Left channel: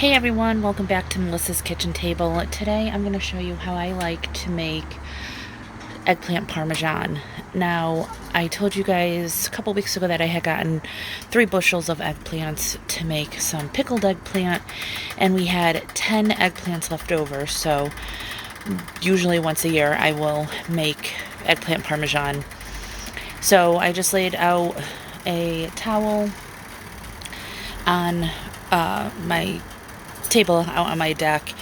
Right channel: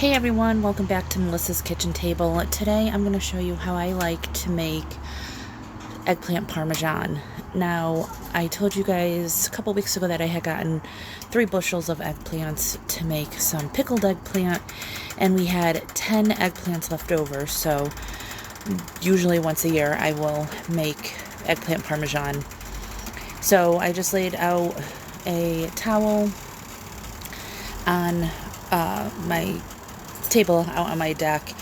Hey everyone, welcome back to Melissa's Kitchen Table. Today I'm going to show you how I like to make eggplant parmesan. Now, I told you guys a couple weeks ago that I had gotten 3 bushels of eggplants to make some pickled eggplant, and we had 10 eggplants left over, so usually once a year I will make eggplant parmesan. So I just laid out a towel on my table out on my deck.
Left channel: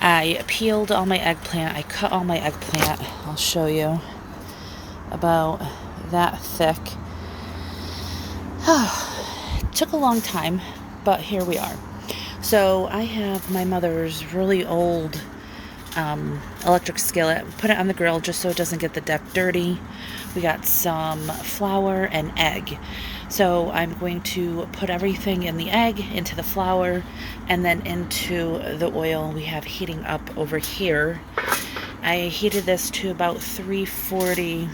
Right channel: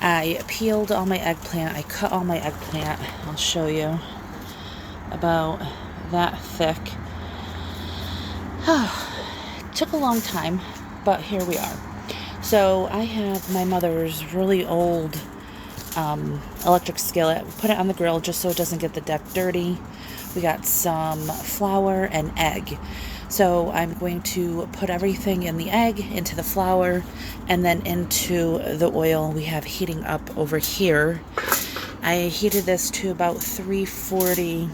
I peeled all my eggplant. I cut all my eggplant. I'll show you. About that thick. Took a long time, but here we are. So I have my mother's really old electric skillet. Put it on the grill just so it doesn't get the deck dirty. We got some flour and egg. So I'm going to put everything in the egg, into the flour, and then into the oil we have heating up over here. I heated this to about 340,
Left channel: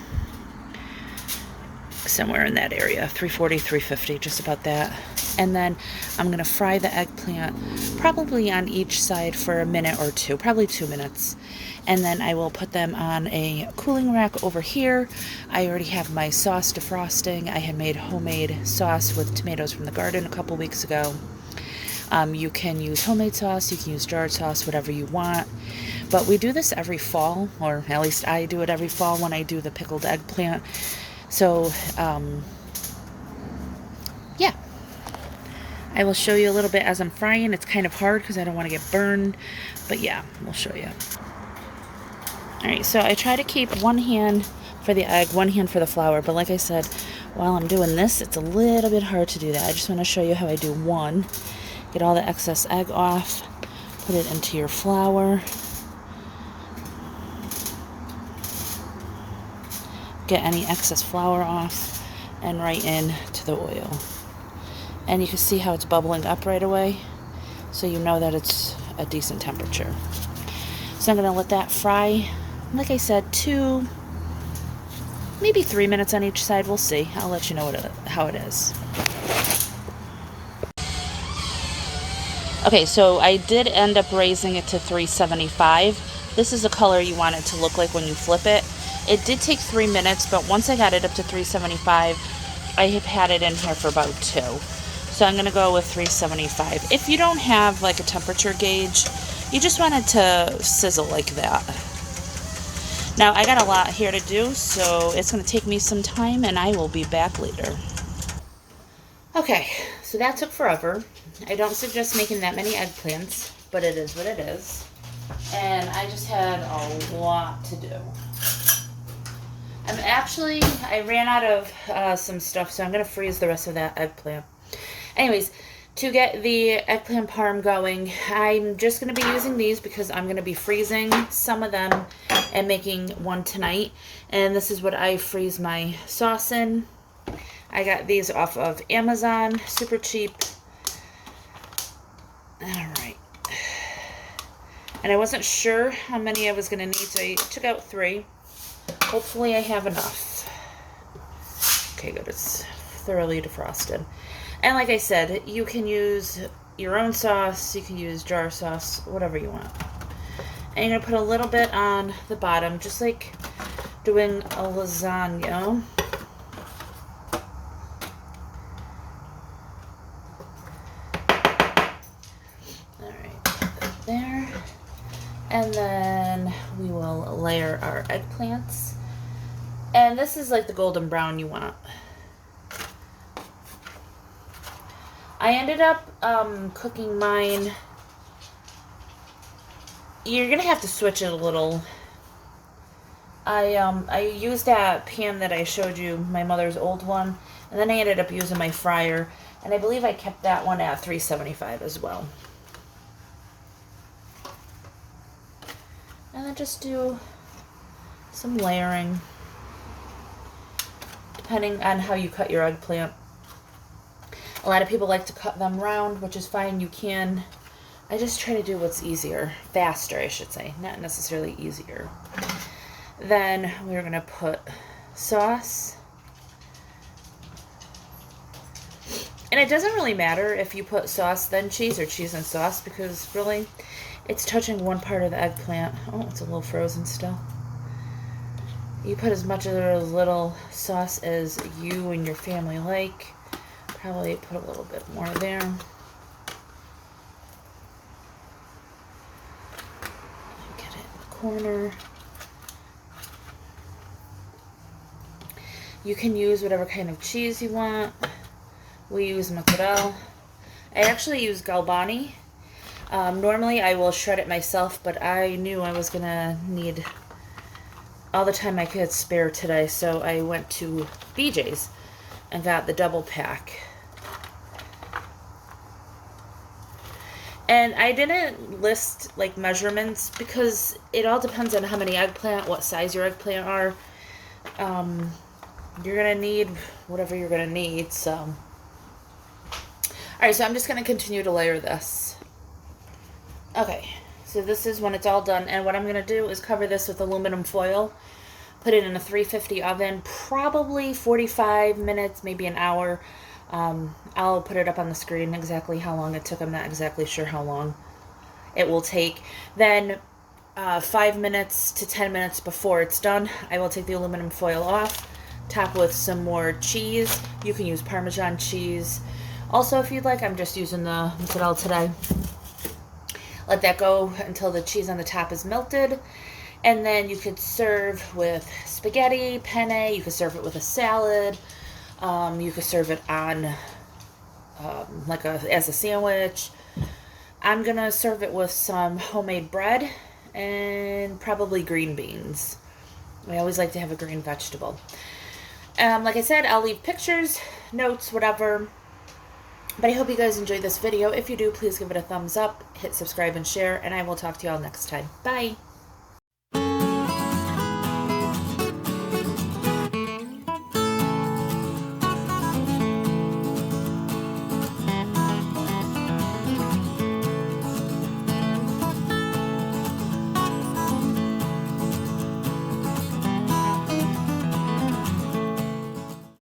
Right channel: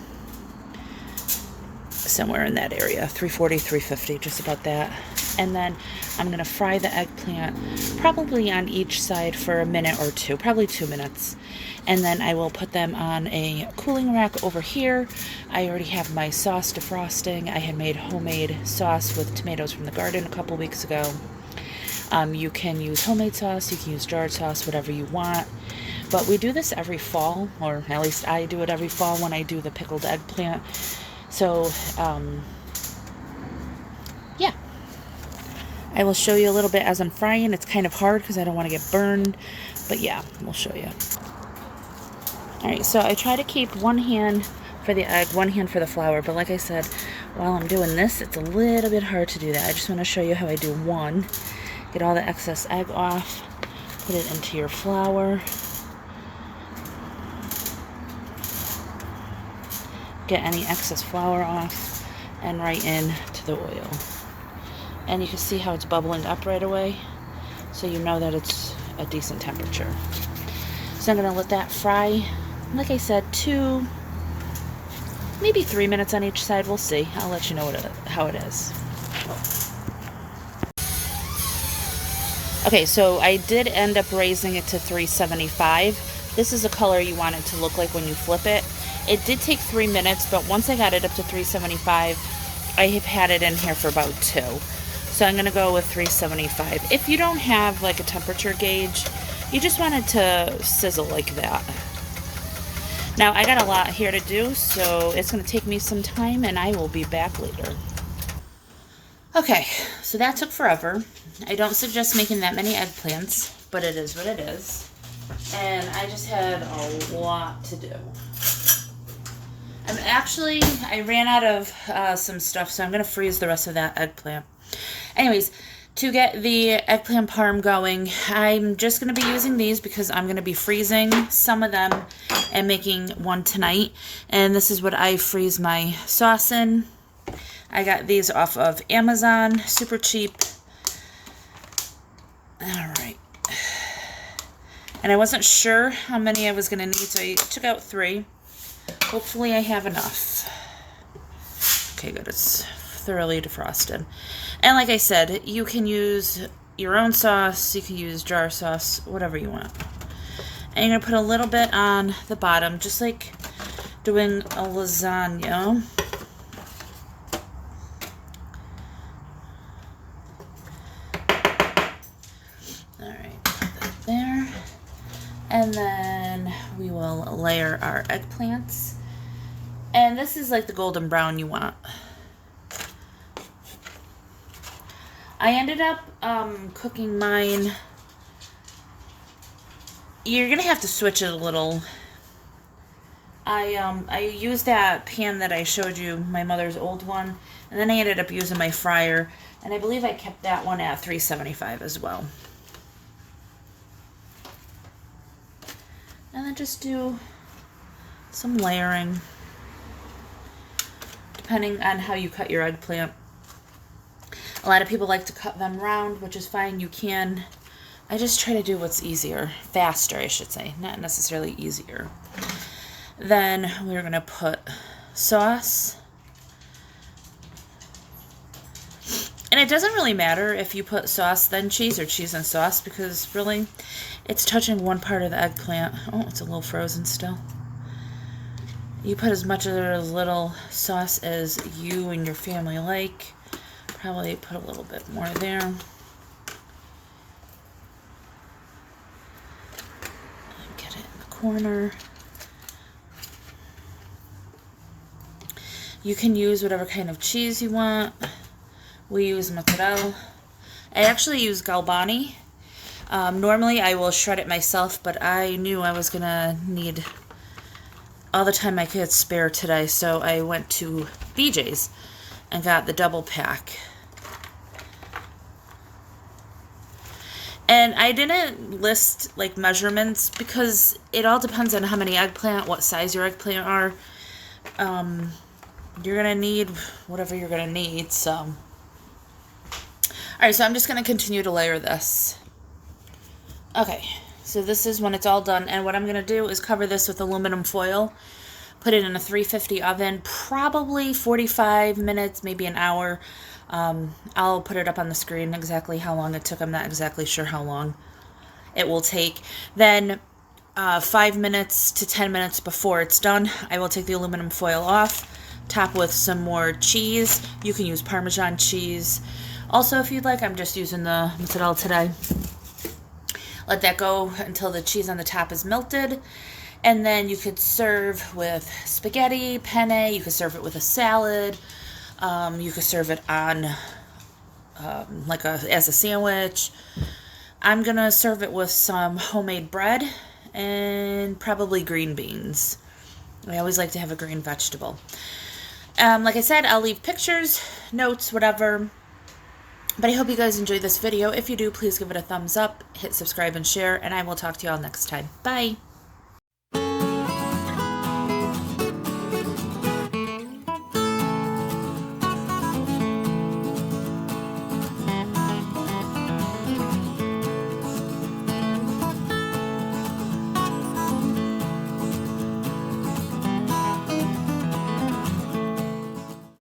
somewhere in that area, 340, 350, just about that. And then I'm going to fry the eggplant probably on each side for a minute or two, probably 2 minutes. And then I will put them on a cooling rack over here. I already have my sauce defrosting. I had made homemade sauce with tomatoes from the garden a couple weeks ago. You can use homemade sauce, you can use jarred sauce, whatever you want. But we do this every fall, or at least I do it every fall when I do the pickled eggplant. So, yeah. I will show you a little bit as I'm frying. It's kind of hard because I don't want to get burned, but yeah, we'll show you. Alright, so I try to keep one hand for the egg, one hand for the flour, but like I said, while I'm doing this, it's a little bit hard to do that. I just want to show you how I do one. Get all the excess egg off, put it into your flour. Get any excess flour off, and right into the oil. And you can see how it's bubbling up right away, so you know that it's a decent temperature. So I'm going to let that fry, like I said, 2, maybe 3 minutes on each side. We'll see. I'll let you know how it is. Okay, so I did end up raising it to 375. This is the color you want it to look like when you flip it. It did take 3 minutes, but once I got it up to 375, I have had it in here for about 2. So I'm going to go with 375. If you don't have like a temperature gauge, you just want it to sizzle like that. Now I got a lot here to do, so it's going to take me some time, and I will be back later. Okay, so that took forever. I don't suggest making that many eggplants, but it is what it is. And I just had a lot to do. I ran out of some stuff, so I'm going to freeze the rest of that eggplant. Anyways, to get the eggplant parm going, I'm just going to be using these because I'm going to be freezing some of them and making one tonight. And this is what I freeze my sauce in. I got these off of Amazon, super cheap. Alright. And I wasn't sure how many I was going to need, so I took out 3. Hopefully I have enough. Okay, good. It's thoroughly defrosted. And like I said, you can use your own sauce, you can use jar sauce, whatever you want. And you're going to put a little bit on the bottom, just like doing a lasagna. Alright, put that there. And then we will layer our eggplants. And this is like the golden brown you want. I ended up cooking mine. You're gonna have to switch it a little. I used that pan that I showed you, my mother's old one, and then I ended up using my fryer, and I believe I kept that one at 375 as well. And then just do some layering, depending on how you cut your eggplant. A lot of people like to cut them round, which is fine, you can. I just try to do what's easier, faster I should say, not necessarily easier. Then we're going to put sauce And it doesn't really matter if you put sauce then cheese or cheese and sauce, because really it's touching one part of the eggplant. Oh, it's a little frozen still. You put as much or as little sauce as you and your family like. Probably put a little bit more there. Get it in the corner. You can use whatever kind of cheese you want. We use mozzarella. I actually use Galbani. Normally I will shred it myself, but I knew I was gonna need all the time I could spare today, so I went to BJ's and got the double pack. And I didn't list like measurements because it all depends on how many eggplant, what size your eggplant are. You're gonna need whatever you're gonna need, so. Alright, so I'm just gonna continue to layer this. Okay, so this is when it's all done, and what I'm gonna do is cover this with aluminum foil, put it in a 350 oven, probably 45 minutes, maybe an hour. I'll put it up on the screen exactly how long it took. I'm not exactly sure how long it will take. Then 5 minutes to 10 minutes before it's done, I will take the aluminum foil off, top with some more cheese. You can use Parmesan cheese. Also, if you'd like, I'm just using the mozzarella today. Let that go until the cheese on the top is melted. And then you could serve with spaghetti, penne. You could serve it with a salad. You could serve it on as a sandwich. I'm going to serve it with some homemade bread and probably green beans. I always like to have a green vegetable. Like I said, I'll leave pictures, notes, whatever. But I hope you guys enjoyed this video. If you do, please give it a thumbs up, hit subscribe and share, and I will talk to you all next time. Bye!